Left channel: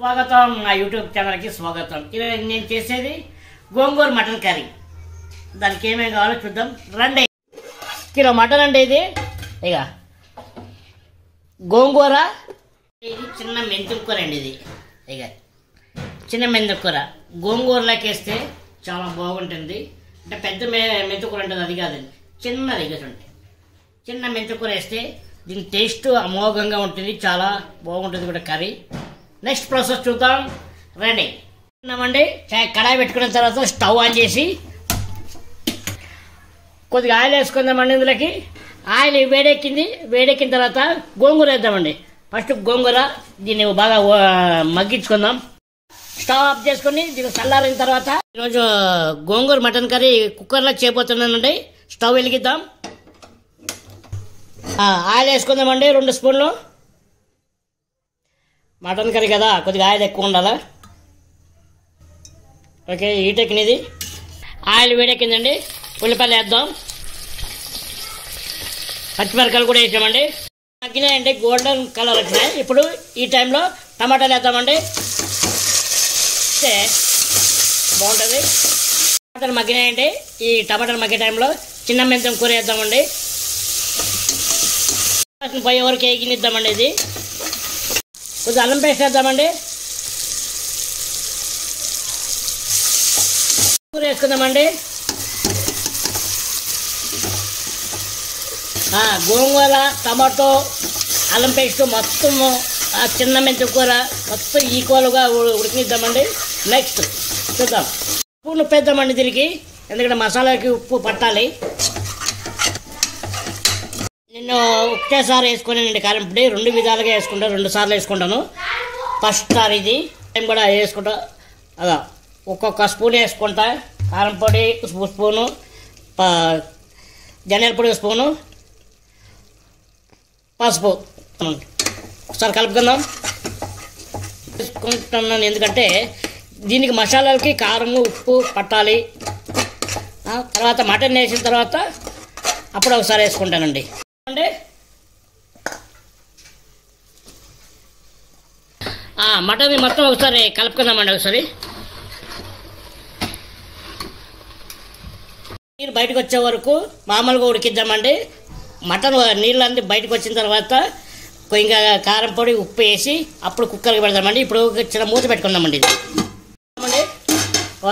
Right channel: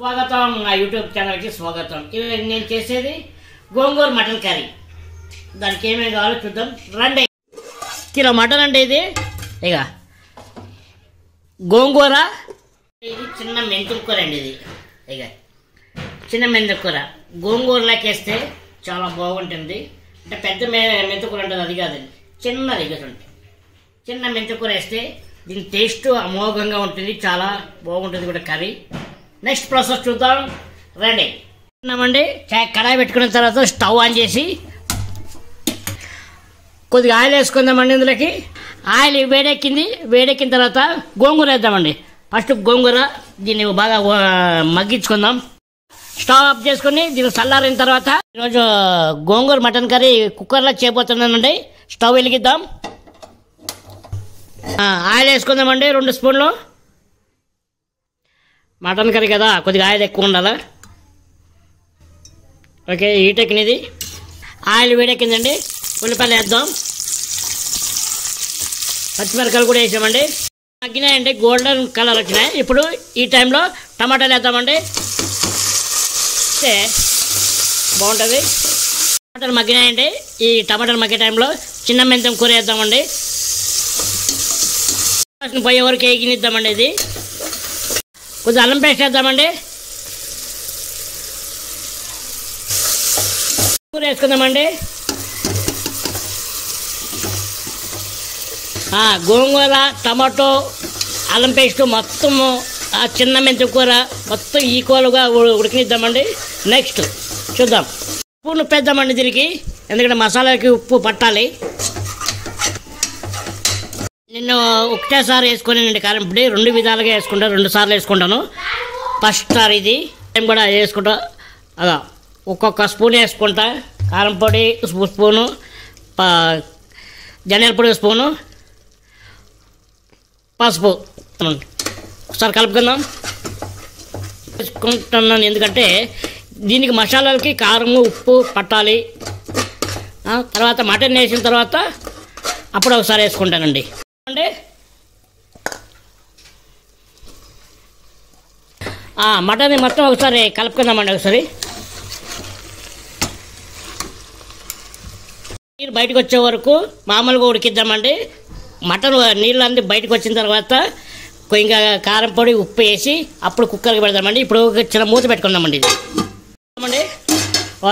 స్వాగతం నా యూట్యూబ్ ఛానల్కి స్వాగతం. ఈరోజు నేను చేసేది గోంగూర మటన్ కర్రీ. దానికి ఏమేమి కావాలో చూద్దాం రండి. కిలో మటన్ అంటే ఇది ఇక గోంగూర, ఇది చిన్న మెంతుల కూర అండి. ఇది ఇక చిన్న మెంతుల కూర గోంగూరలోకి వేస్తే చాలా బాగుంటుంది. అంటే పెద్ద మెంతుకూర ఉంటుంది, అది కాదండి, చిన్నది చూడండి. చిన్న మెంతుకూర వేస్తే దీని టేస్ట్ అమోఘంగా ఉంటుంది, చాలా బాగుంటుంది కూడా కర్రీ. నెక్స్ట్ ప్రాసెస్ చూద్దాం రండి. కడాయి పెట్టుకున్న తర్వాత స్టవ్ ఆన్ చేసి కొద్దిగా ఆయిల్ వేసుకుందామండి. ఇందులోకి ఆయిల్ వేడెక్కిన తర్వాత గోంగూర వేద్దామండి. ఫస్ట్ గోంగూర దీన్ని బాగా మగ్గించుకుందాం. స్టవ్ ఆఫ్ చేసుకుని దీన్ని చల్లారిన తర్వాత ఈరోజు గోంగూర మటన్ కర్రీ కుక్కర్లో చేయబోతున్నానండి. స్టవ్ వెలిగిద్దాం. ఆయిల్ వేసుకుందామండి 2 స్పూన్లు. మటన్ కర్రీ కదా, కొద్దిగా ఆయిల్ ఎక్కువ ఉండాలా. ఓకే, హీట్ ఎక్కినది. ఆయిల్ వేడెక్కిందండి. ఉల్లిపాయలు వేద్దాం. పచ్చిమిరకాయలు కూడా వేసామండి. మగ్గినాయండి, గోల్డెన్ కలర్ వచ్చినాయి. ఇప్పుడు ఈ టైంలో టమాటాలు వేద్దామండి. బాగుంటుంది. టమాటాలు మగ్గినాయండి. ఈ టమాటాలు మగ్గే టైంలో చిన్న మెంతం కూర వేద్దామండి. పోయే వరకు వేగినిద్దామండి. ఇది కొద్దిగా అల్లం పేస్ట్ వేద్దామండి. కూర వేసుకుందామండి. గోంగూర, టమాటో, అల్లం పేస్ట్ మొత్తం ఆ చిన్న మెంతి కూర మొత్తం ఈక్వల్గా ఉడికినిద్దామండి. నెక్స్ట్ చూద్దాం. ఉప్పు ఉప్పేద్దామండి దీనికి, ఎందుకంటే మసాలాకి ఉప్పు పట్టాలి. నేను ఒకటేసారి వేసుకున్నానండి కారం పొడి. 2 విధాలుగా వేసుకుంటాను, 2 సార్లు వేసుకుంటాను. ఫస్ట్ సారి ఇది టైం కూడా వేసుకుంటా. అలా ఒక్కొక్క స్పూన్ వేసుకుంటా. కారం పొడి స్పూను, ధనియాల పొడి స్పూను, పసుపు ఒకసారి కలుపుకుందాం. వేసుకుంటున్నాను ఎందుకంటే దీనికి మసాలాలకి కారం ఉప్పు పట్టాలి. తర్వాత మటన్ వేసిన తర్వాత అప్పుడు ఒకసారి వేసుకుంటానండి. మటన్ మొత్తం ఒకసారి కలుపుకుందామండి. ఒకసారి నీరు బయటకు వచ్చే వరకు మామూలుగా ఉడికిద్దామండి. మటన్ నీళ్ళు అన్నీ బయటకు వచ్చిన తర్వాత ఇంకా కారం పొడి ఉప్పు వేసి అప్పుడు కుక్కర్కి పెడదామండి. ఇప్పుడు చిన్న మూత పెట్టుకుందామండి. ఇది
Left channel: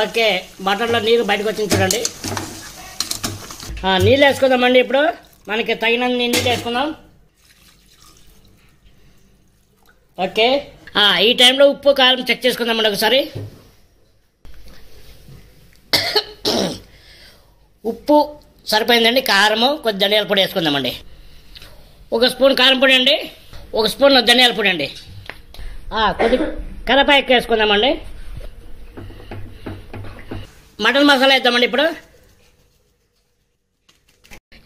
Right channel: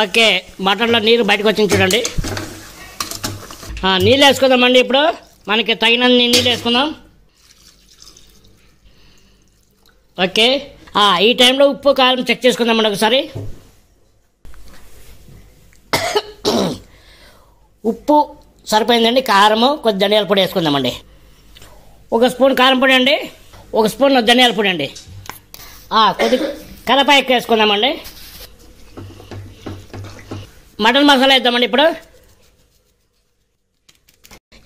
ఓకే, మటన్లో నీరు బయటకు వచ్చింది చూడండి. నీళ్ళు వేసుకుందామండి. ఇప్పుడు మనకి తగినన్ని నీళ్ళు వేసుకుందాం. ఓకే, ఈ టైంలో ఉప్పు కారం చెక్ చేసుకుందామండి ఒకసారి. ఉప్పు సరిపోయిందండి. కారము కొద్ది ధనియాల పొడి వేసుకుందామండి. 1 స్పూన్ కారం పొడి అండి, 1 స్పూన్ ధనియాల పొడి అండి. కొద్ది కరివేపాకు ఎక్కువ వేసుకుందామండి. మటన్ మసాలా వేద్దామండి. ఇప్పుడు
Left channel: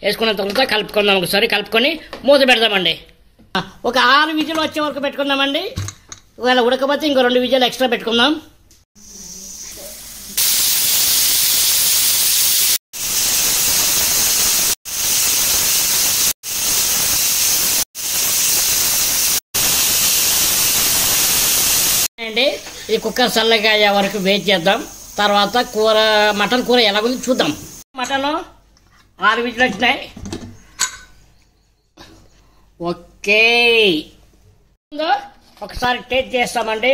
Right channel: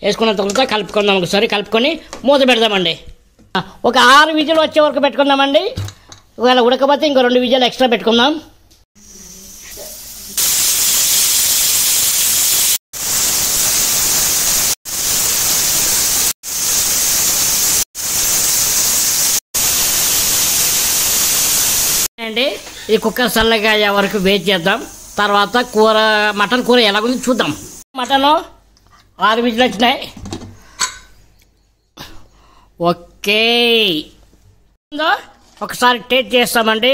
వేసుకున్న తర్వాత కలుపుకుందాం. ఒకసారి కలుపుకొని మూత పెడదామండి. ఒక 6 విజిల్ వచ్చే వరకు పెట్టుకుందామండి. ఒకవేళ ఉడకపోతే ఇంకో 2 విజిల్ ఎక్స్ట్రా పెట్టుకుందాం. అండి ఈ కుక్కర్ చల్లగా అయ్యే వరకు వెయిట్ చేద్దాం. తర్వాత మటన్ కూర ఎలాగుంది చూద్దాం. మటన్ 6 విజిల్ వచ్చినాయి. ఓకే, ఒకసారి టేస్ట్ చేస్తామండి.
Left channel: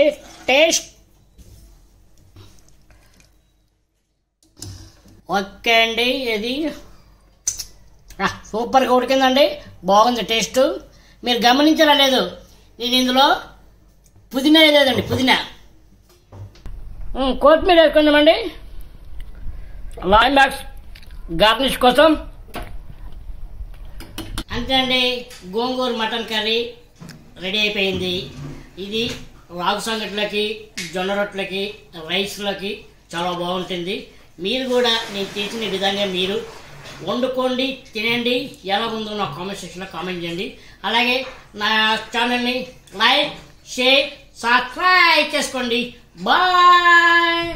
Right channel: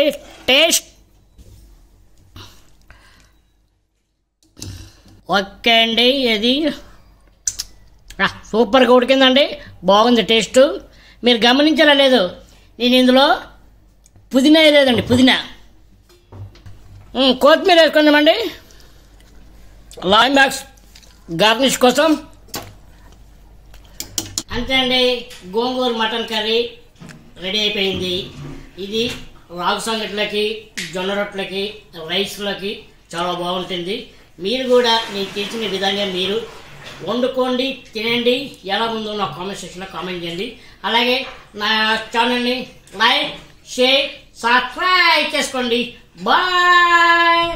టేస్ట్ ఓకే అండి. ఇది సూపర్గా ఉడికిందండి, బాగుంది టేస్ట్. మీరు గమనించలా లేదు, నేను ఇందులో పుదీనా వేయలేదండి. పుదీనా కొత్తిమీర వేసుకుందామండి. క్లైమాక్స్ గార్నిష్ కోసం. అంతే అండి, గోంగూర మటన్ కర్రీ రెడీ అయిపోయింది. ఇది రాగు సంగట్లకి, జొన్న రొట్టెలకి, రైస్లకి చాలా బాగుంటుంది. మీరు కూడా నేను చేసిన విధంగా మీరు వండుకోండి, తినండి. ఎలా ఉందో నా కామెంట్ సెక్షన్లో కామెంట్ చేయండి. అలాగే నా ఛానల్ని లైక్, షేర్, సబ్స్క్రైబ్ చేసుకోండి. బాయ్.